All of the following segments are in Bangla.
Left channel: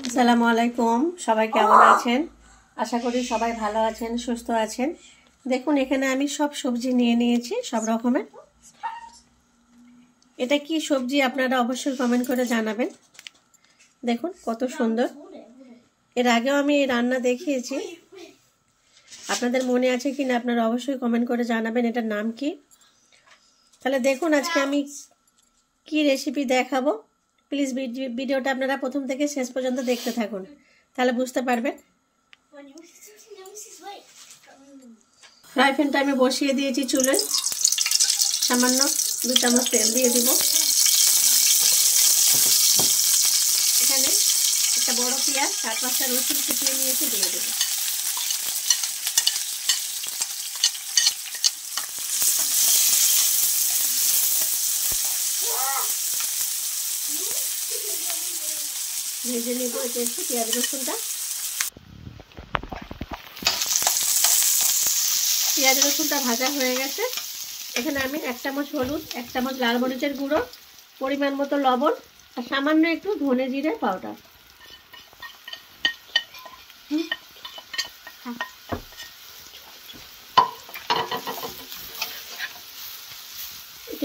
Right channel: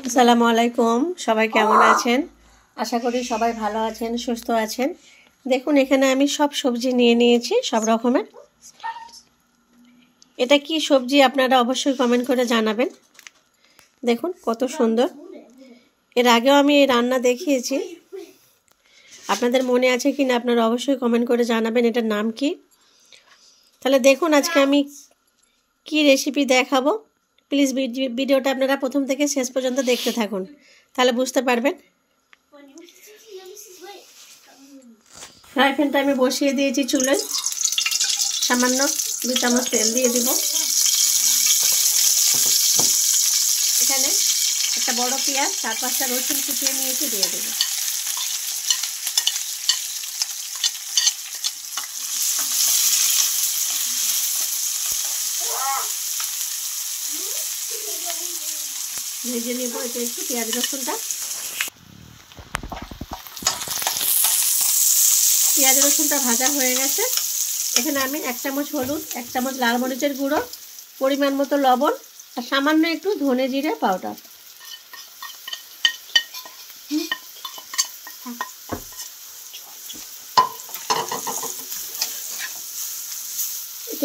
আসসালামু আলাইকুম। সবাই কেমন আছেন? আশা করি সবাই ভালো আছেন, সুস্থ আছেন। দেখুন এখানে আমি সব সবজি নিয়ে নিয়েছি, সব রকমের। এটা কি সবজি আপনারা অবশ্যই কমেন্ট করে জানাবেন। দেখুন কত সুন্দর। এর আগেও আমি এই রান্না দেখিয়েছি, আপনাদের মনে আছে কি না আপনারা অবশ্যই কমেন্ট করে জানাবেন এটার নাম কি। তাহলে দেখুন আজকে আমি কি রেসিপি দেখাবো। প্লিজ ভিডিওটা আপনারা প্রথম থেকে শেষ পর্যন্ত দেখতে থাকুন, তাহলে বুঝতে পারবেন। ফ্রাই প্যানটা আমি বসিয়ে দিয়েছি চুলে, সামান্য 2 চামচ তেল দিয়ে দিব। এখানে একটা বড় পেঁয়াজ 4-5টা রসুন কুচিয়ে নিয়েছি, দিয়ে দেব। ভেজে নেব এটা একটু পেঁয়াজ রসুনটা। পেঁয়াজ রসুনটা ভাজা হয়ে গেছে। এখানে আমি 1 চামচ হলুদ, 1 চামচ লাল মরিচের গুঁড়ো, পরিমাণ মতো লবণ আর সামান্য একটু ধনে জিরে পাউডার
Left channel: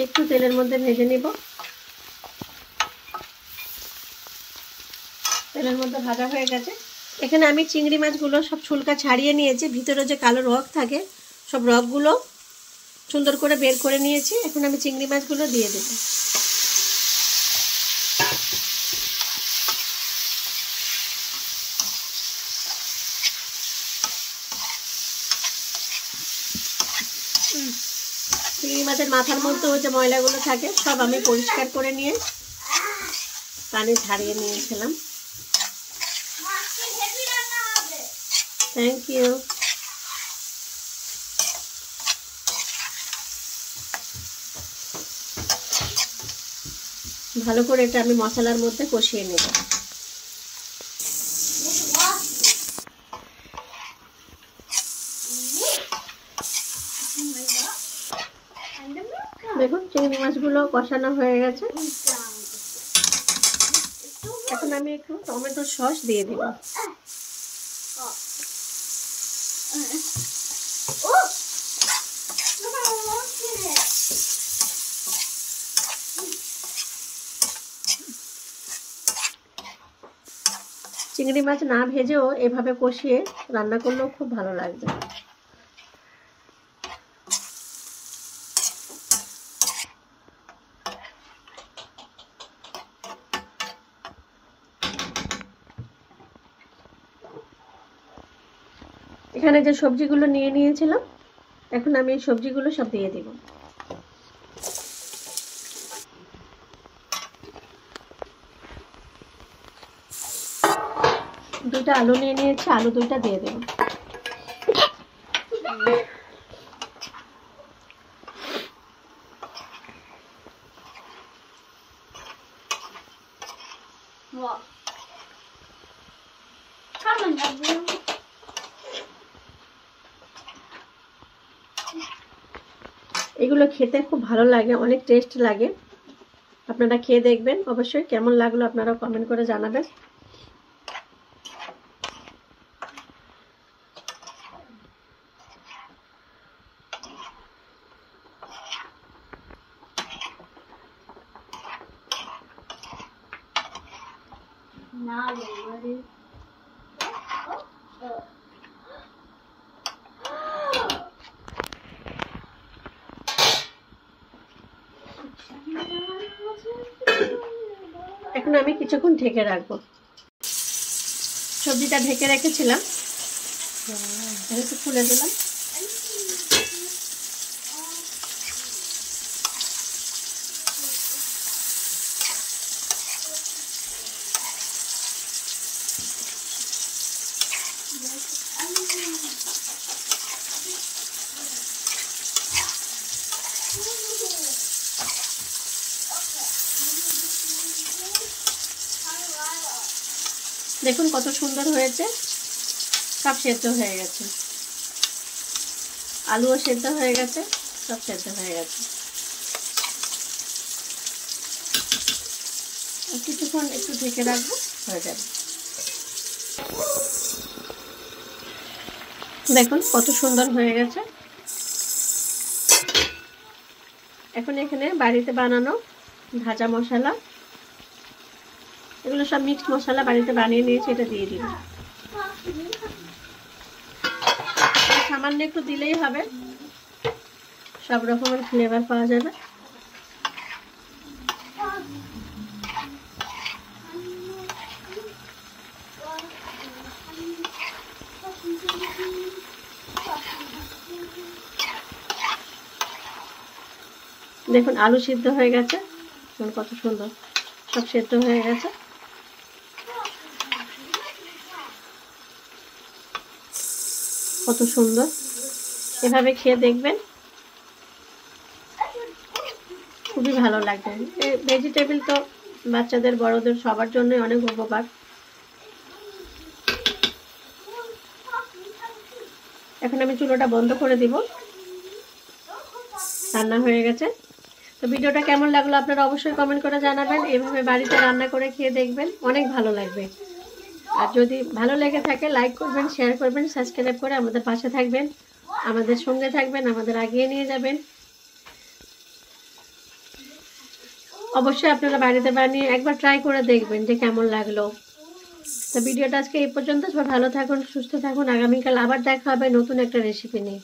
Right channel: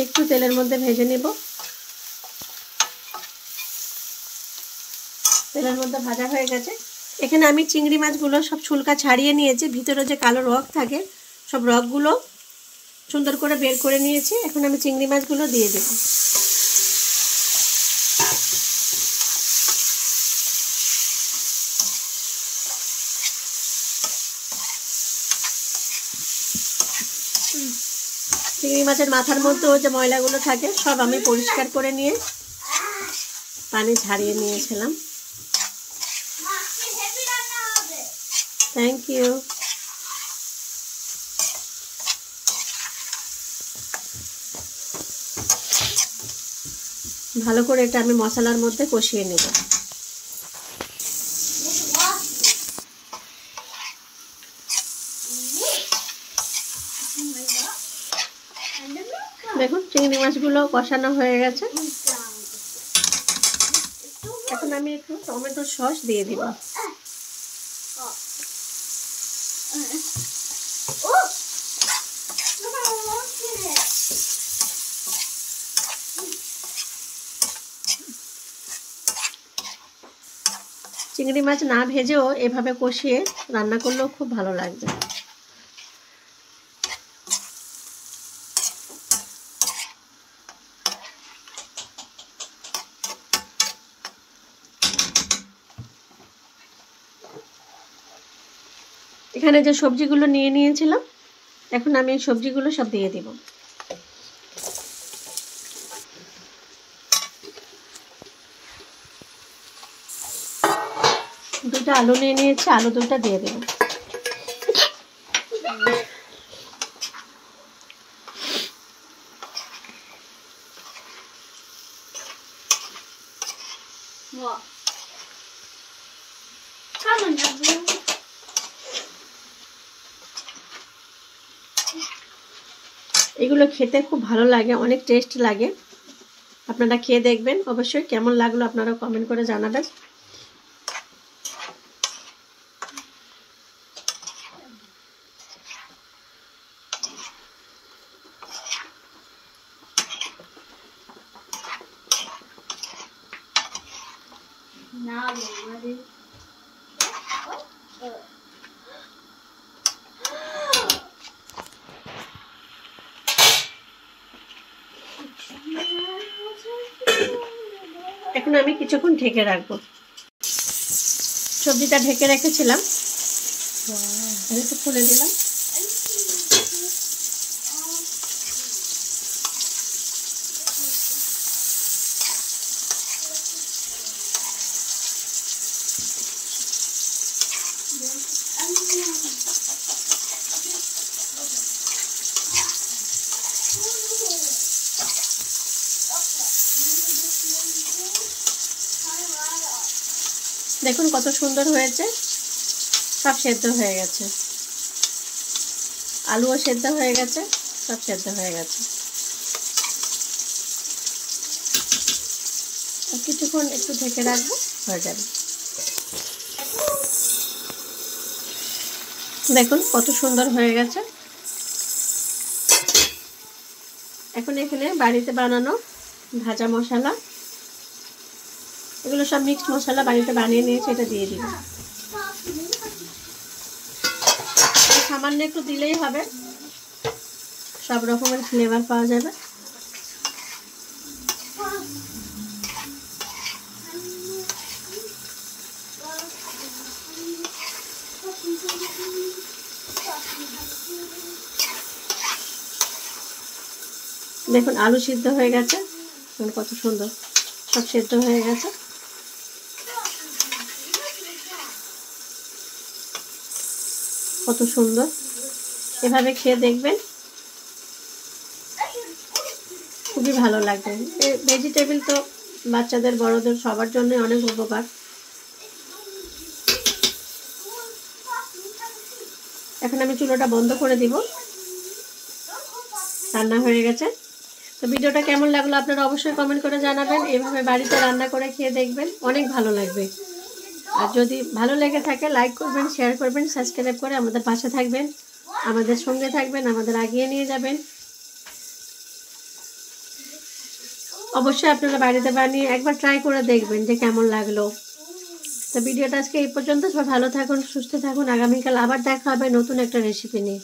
একটু তেলের মধ্যে ভেজে নেব। তেলের মধ্যে ভাজা হয়ে গেছে। এখানে আমি চিংড়ি মাছগুলো সব ছুলকা ছাড়িয়ে নিয়েছি, ভিতরে যে কালো রগ থাকে সব রগগুলো সুন্দর করে বের করে নিয়েছি। এখন আমি চিংড়ি মাছগুলো দিয়ে দেব। চিংড়ি মাছের মাথার মধ্যে যে ময়লাগুলো থাকে সব আমি পরিষ্কার করে নিয়ে পানি ঝারিয়ে নিয়েছিলাম। Thank you. ভালো করে এটা আমি মশলার মধ্যে কষিয়ে নেব। দেখুন চিংড়ি মাছগুলো কষানো হয়ে গেছে। এখন আমি একটু টমেটো সস দিয়ে দিব। চিংড়ি মাছ না ভেজেও এভাবে কষিয়ে রান্না করলেও খুব ভালো লাগবে। এখানে যে সবজিগুলো নিয়ে নিয়েছিলাম, এখন আমি এই সবজিগুলো সব দিয়ে দিব। দুইটা আলু নিয়ে নিয়েছি, আলু দুইটা দিয়ে দেব। এগুলো খেতে খুব ভালো লাগে, অনেক টেস্ট লাগে। আপনারা খেয়ে দেখবেন, অবশ্যই কেমন লাগলো আপনারা কমেন্ট করে জানাবেন। এখন আমি কিছুক্ষণ ঢেকে রাখবো। সবজিটা ঢেকে রেখেছিলাম, একটু খুলে দিলাম। দেখুন কত সুন্দর হয়েছে, সব সেদ্ধ হয়ে গেছে, আলুও সেদ্ধ হয়ে গেছে, সব সেদ্ধ হয়ে গেছে। কিছুক্ষণ একটু ঢেকে রাখবো, হয়ে যাবে। দেখুন কত সুন্দর হয়ে গেছে। এখন এখানে বাড়িতে বানানো ভাজা মশলা, এগুলো সব মিক্সড মশলা বাড়িতে বানিয়ে নিয়েছি, এটা দিয়ে দিই। সামান্য একটু দিলেই হবে, সব রকমের ফ্লেভার পাওয়া যাবে। দেখুন আলু সিদ্ধ হয়ে গেছে, কত সুন্দর সব সিদ্ধ হয়ে গেছে। কত সুন্দর, এভাবে খেয়ে দেখবেন, খুবই ভালো লাগবে। এই ভেজিটেবল তো বাচ্চাদের বড়দের সবার জন্য অনেক উপকার। এখন আমি চুলোটা বন্ধ করে দিব, রান্না হয়ে গেছে। তো ভিডিওটা কেমন লাগলো আপনারা অবশ্যই কমেন্ট করে জানাবেন। এভাবে বাড়িতে রান্না করে খেয়ে দেখবেন, অনেক ভালো লাগবে। আর যদি ভালো লেগে থাকে লাইক করবেন, শেয়ার করবেন, সাবস্ক্রাইব করে আমাদের পাশে থাকবেন, আমাদের সঙ্গে থাকবেন, আমাদের এগিয়ে নিয়ে যাবেন। অবশ্যই আপনারা বাড়িতে বানিয়ে একবার ট্রাই করে দেখবেন যে কেমন লাগলো। তো ভিডিওটা আজকে এই পর্যন্ত। সবাই ভালো থাকুন, সুস্থ থাকুন। আগামীকাল আবার দেখা হবে নতুন একটা রেসিপি নিয়ে।